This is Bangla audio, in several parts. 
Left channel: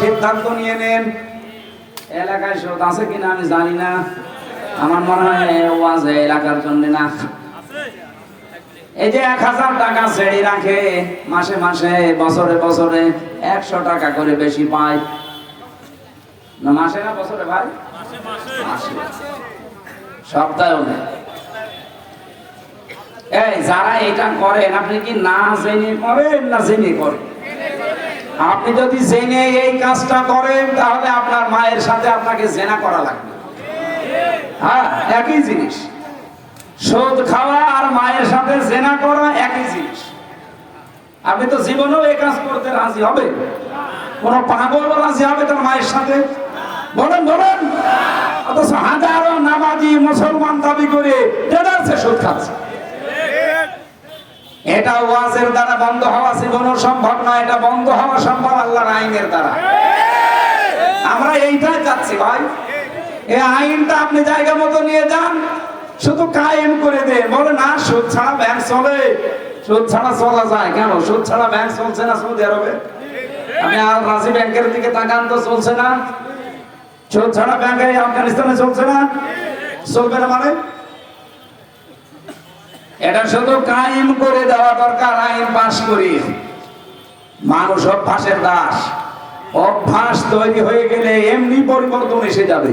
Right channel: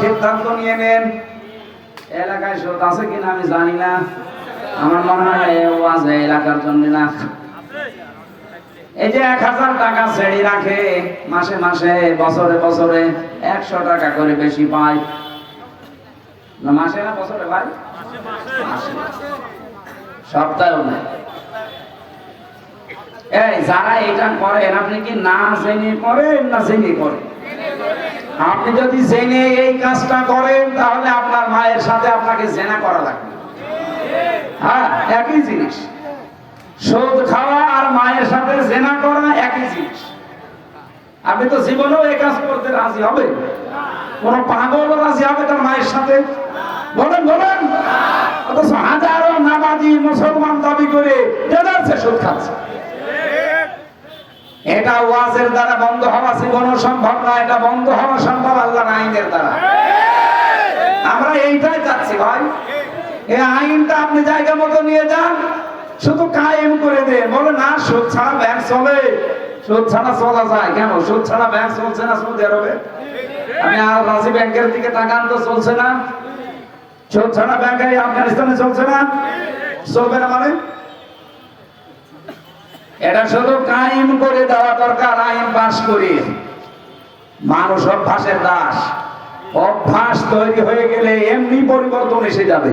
সিদ্ধান্ত নিয়ে নেন। এলাকায় আছে কিনা আমি জানি না। আমার মনে হয় এলাকার জন্য না। এই যে এক হাজার টাকা রাখে, মাসে মাসে, বছরে বছরে একশো টাকা করে বেশি পায়। না, মাসে না বছরে ভাই। সপ্তাহে এই যারা এটা করেন, আপনি কি না জেনে করেন না জেনে করেন? আপনি যদি জেনে এই কাজটা করেন, তাহলে আপনার মায়ের সাথে আপনাকে জেনা করা লাগবে। হ্যাঁ একই জিনিস। সুদ খাওয়া আর মায়ের সাথে জেনা করা একই জিনিস। আপনি তো জীবনেও এই কাজ করতে রাজি হবে কোন পাগল রাজি হবে তার মায়ের সাথে। বলেন বলেন। অথচ হাজারো নামাজি মুসলমান দাবি করে দেদারছে সুদ খাচ্ছে। এটা ওয়াজের দ্বারা বন্ধ হওয়া এটা বন্ধ হওয়া সম্ভব আল্লাহর আইনের দ্বারা। আমরা এইটাই চাচ্ছি ভাই। এই আইনটা আপনি জায়গা মতো নিয়ে যান শুধু কায়েম করে দে। বলে না সুদ ছাড়া ব্যাংক চলে। সুদ ছাড়া চলা যায় কেন? সুদ ছাড়া ব্যাংক চলছে না সৌদি আরবে? আপনি আর রাজি ব্যাংকের দিকে তাকান তো চলছে না। সুদ ছাড়া ব্যাংক এই আফগানিস্তানে চলছে না। চলবে না মানে? এটা শুধু কায়েম করে দেওয়া দরকার আইন পাশ করে। মানুষ অভ্যাসের দাস। অভ্যাস তৈরি হয়ে গেলে এমনি পরিবর্তন এসে যাবে।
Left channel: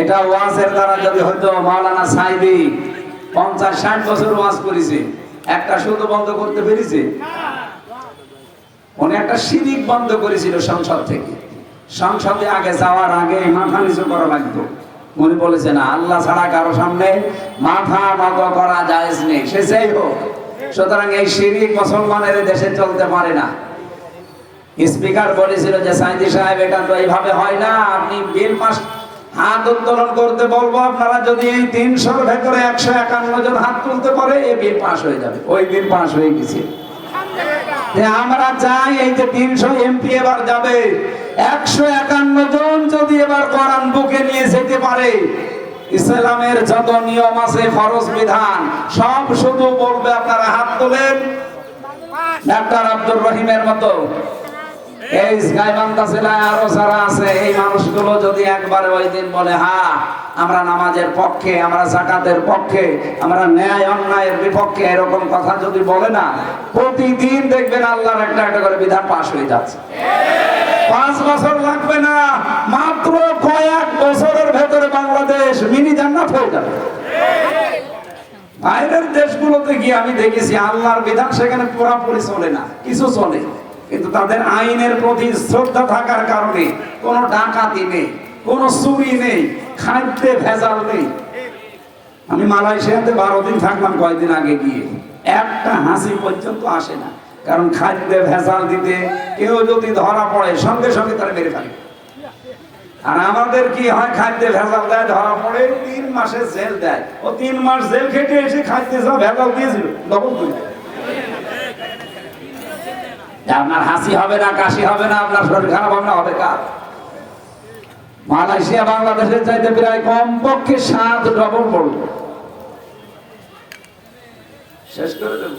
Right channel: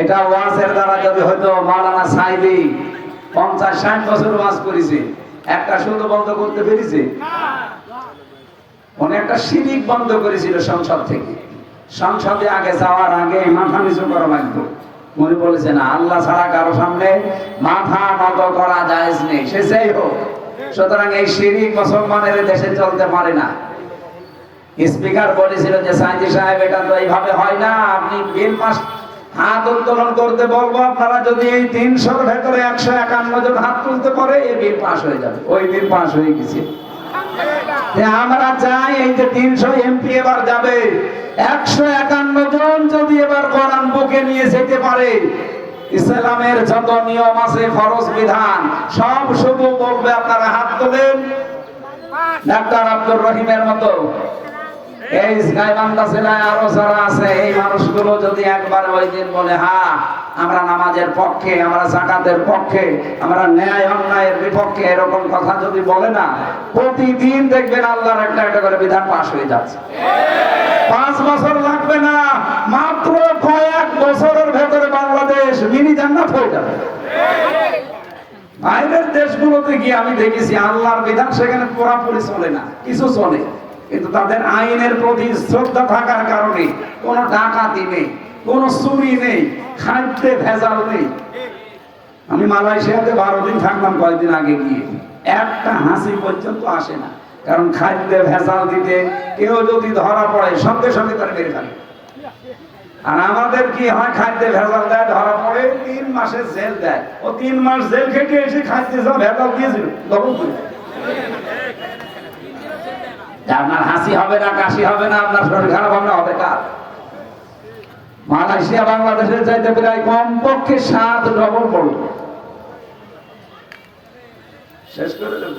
এটা ওয়াজের দ্বারা যদি হয়তো মাওলানা সাইদি পঞ্চাশ, ষাট বছর ওয়াজ করেছে, একটা শুধু বন্ধ করতে পেরেছে। উনি একটা সিরিক বন্ধ করেছিল সংসদ থেকে। সংসদে আগে যাওয়ার আগে মাথা নিচু করা লাগতো। উনি বলেছেন, আল্লাহ ছাড়া কারও সামনে মাথা নত করা যায় নেই। সে যেই হোক সুতরাং এই শিরিক মুসলমানের দেশে চলতে পারে না। স্পিকার বলেছিল যে, সাইদি সাহেব, এটা তো এইভাবে হয় না। আপনি বিল পাস, হাত উত্তোলন করতে বলব, আপনারা যদি এই তিনশোর ভেতরে একশো একান্ন জন হাত তুলতে পারে, এই বিল পাস হয়ে যাবে। ওই বিল পাস হয়ে গেছে। আমরা চাই এই যে তিনশো এমপি এবার যাবে। একশো একান্ন জন যদি এবার কোরআন বুকে নিয়ে যেতে পারে, ইসলামের যত নিয়ম আছে, ফরজ বিধান, সব শুধু বলবে আপনারা রহিমের মতো। এই গাইবান্ধা জেলায় আরও যারা আছে, এই মানুষগুলো যদি একবার ওই দিন বলে হ্যাঁ আমরা নামাজের পক্ষে, আমরা জাকাতের পক্ষে, আমরা ন্যায় অন্যায়ের বিপক্ষে এরকম কথা যদি বলে না, প্রতিদিন দেখবেন আল্লাহর একটা একটা করে বিধান পাশ হয়ে যাচ্ছে। পাঁচ বছর লাগবে না, মাত্র কয়েক বছরের ভেতরে বাংলাদেশ মিনি জান্নাত হয়ে যাবে। দেশগুলোতে গিয়ে আমি দেখেছি, আল্লাহর বিধান সেখানে পুরাপুরি চলে না, কিছু চলে। কিন্তু তাদের আইনের প্রতি শ্রদ্ধা থাকার কারণে কোনো ডাকাতি নেই, কোনো চুরি নেই, খাদ্যে ভেজাল নেই। আমি মালয়েশিয়াতে বারো দিন থাকলাম কয়েকদিন আগে গিয়ে। একটা হাসি পর্যন্ত আসে না, কারণ খাদ্যে ভেজাল দিতে কেউ যদি ধরা পড়ে, সঙ্গে সঙ্গে তারা মেরে ফেলে। আর আমাদের কি হয়, খাদ্যে ভেজাল দেয়? ধরা পড়ে, তিন মাসের জেল দেয়। ও তিন মাস জেল খেটে এসে খাদ্যে সব ভেজাল দিয়েছিল, ডবল করে আপনার হাসি হবে না, কাশি হবে না, আপনার শরীর খারাপ হবে না, হবে কার? মালয়েশিয়া, বাংলাদেশের চাইতে প্রায় কমপক্ষে সাত ডবল শেষ করে দেব।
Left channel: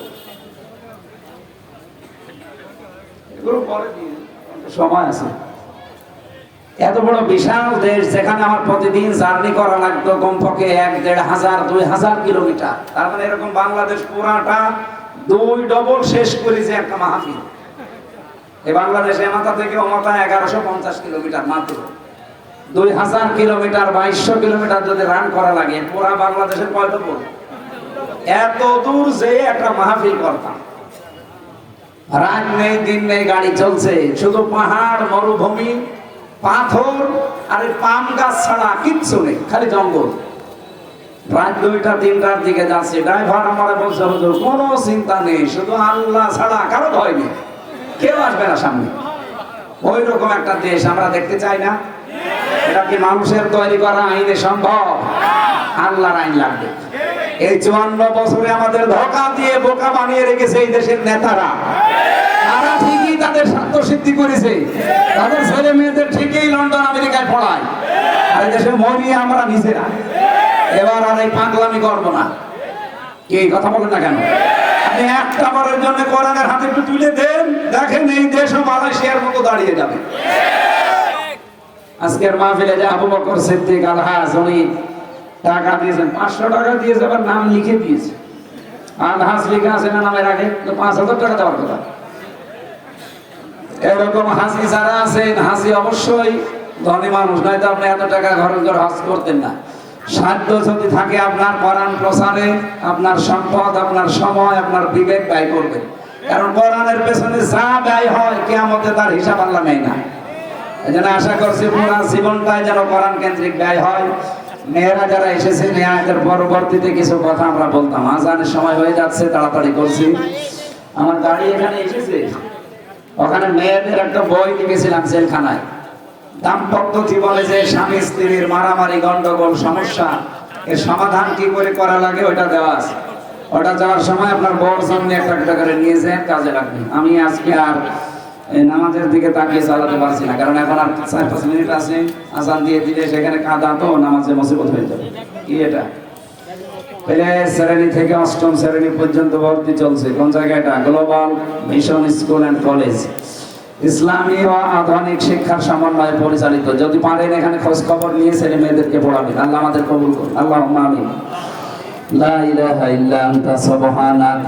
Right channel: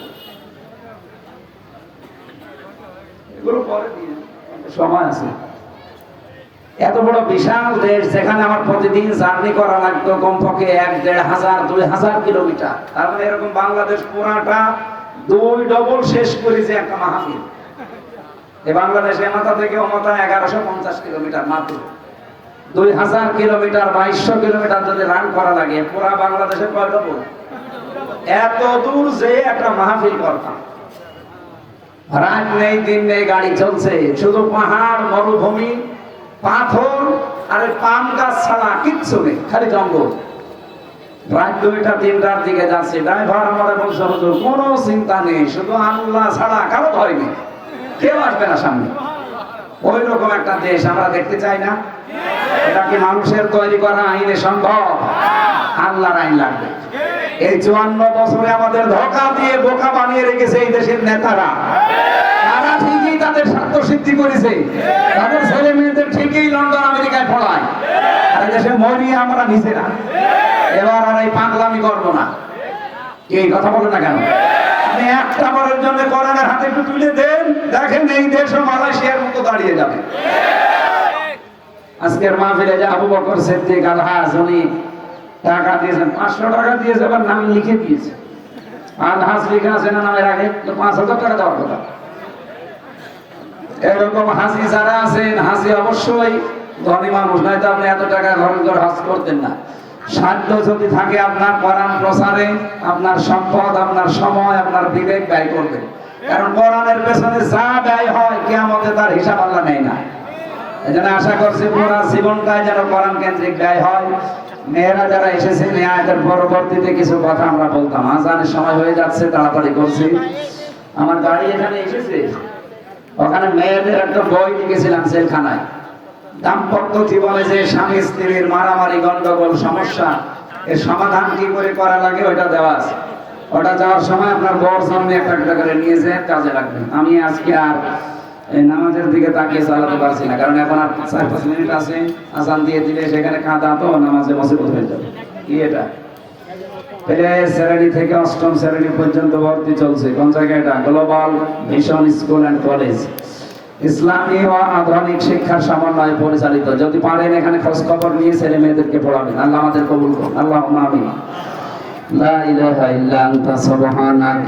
এগুলো পরে দিয়ে সময় আছে। এত বড় বিশাল দেশ যেখানে আমার প্রতিদিন জার্নি করা লাগতো কমপক্ষে এক, দেড় হাজার, দুই হাজার কিলোমিটার। তার মানে এরকম বাংলাদেশ পুরাটা দুই ডবল শেষ করেছে একটা মাহফিল। এই বাংলাদেশ এমাতা থেকে অমতা এগারোশো পঞ্চাশ কিলোমিটার মাত্র। দুই হাজার কিলোমিটার, বাইশশো কিলোমিটার যদি রান করা লাগে, পুরা বাংলাদেশের কয় ডবল? এত দূর যে একটা মাহফিল করতাম। রাত নেই, দিন নেই, গাড়ি চলছে। শুধু পাহাড়, মরুভূমি পাথর আর পাম গাছ ছাড়া কিচ্ছু নেই, খালি জঙ্গল। রাত দুইটা, তিনটার দিকে যাচ্ছে, ড্রাইভার আমার বলছে, হুজুর, কোনো চিন্তা নেই, শুধু আল্লাহ ছাড়া কারও ভয় নেই। কেউ আসবে না সামনে। ওই রকম একটা দেশ, আমরা দেখতে চাই না। এটা কি মানুষের তৈরি করা আইনে সম্ভব? আল্লাহর আইন লাগবে। এই চুয়ান্ন বছরে আমাদের ধোকা দিয়ে বোকা বানিয়ে রেখেছে এই দেশের নেতারা। তারা ঠিকই তাদের স্বার্থ সিদ্ধি করেছে। তাদের ছেলে মেয়েদের ঠিকই লন্ডন, আমেরিকায় পড়ায়। আর এই দেশে মরি আমরা নিজেরা। এবার আর এই পাগলামি করব না। কি কথা বলেন না কেন? আপনি একটা বারের জন্য কোরআনের হাতে একটু তুলে দেন। দেখেন এই দেশও মালয়েশিয়ার মতো দাঁড়িয়ে যাবে। আজকের মাহফিলে যে আবু বকর সিদ্দিক আলহাজ উনি টাকা দিয়েছেন, পাঁচশো টাকা দিয়েছে, আবার নাম লিখে দিয়েছে। আলহাজ লিখে আছে না নামের আগে? পাঁচ হাজার টাকা দেওয়ার কথা। এরকম হাসি যারা আছেন, হাসি অবশ্যই ধনী মানুষ, নয়তো আপনি এত টাকা খরচ করে হজ করতেন না। সাধ্য যদি থাকে আপনার কোরআন প্রসারে আপনার সম্পদ, আপনার সময়, আপনার বিবেক ব্যয় করবেন। কারণ কোরআনের পেছনে যা ব্যয় হয়, কেয়ামতে তার হিসাব আল্লাহ নেই না। এই জন্য আশা করছি পুরা জীবনটাই যেন কেন্দ্রিক ব্যয় হয়। মেয়েরা যারা এসেছেন এই আয়াতের পরবর্তীতে কিছু কথা আমরা বলতাম। আজানের সময় হয়ে যাচ্ছে, তাড়াতাড়ি করছি। আমার গাড়ি এখানে এসেছে। ওখানে মেয়েদের একটা বই লিখেছিলাম জেলখানায়। দাম্পত্য জীবনে যে স্বামী স্ত্রীর মারামারি, গন্ডগোল, সমস্যা, এর সমাধান কি করে করা লাগে ওটা দেওয়া আছে। ওটা যাওয়ার সময় আপনার বর সামনে একটা একটা করে নিয়ে যায় কাজে লাগবে। আমি আজকে আর নামাজের দিকে তাকিয়ে চালাতে পারছি না, কারণ এখন আর চার পাঁচ মিনিট আছে, আজান দিয়ে দিলে সেখানে কাঁদা তো নামাজে মুসিবত হয়ে যাবে। কি এটা? শ্রেণি থেকে অষ্টম শ্রেণি পর্যন্ত ভর্তি চলছে। কোন জায়গাটা global mission school and college ইসলামী ও আধুনিক শিক্ষার সমন্বয়ে পরিচালিত। যদি পারেন এখানে খোঁজ খবর নিয়ে ছেলে মেয়েদেরকে পড়াবেন। আল্লাহ আমাদের কবুল করুন। আল্লাহ আমিন। লা ইলাহা ইল্লা আনতা, সুবহানাক।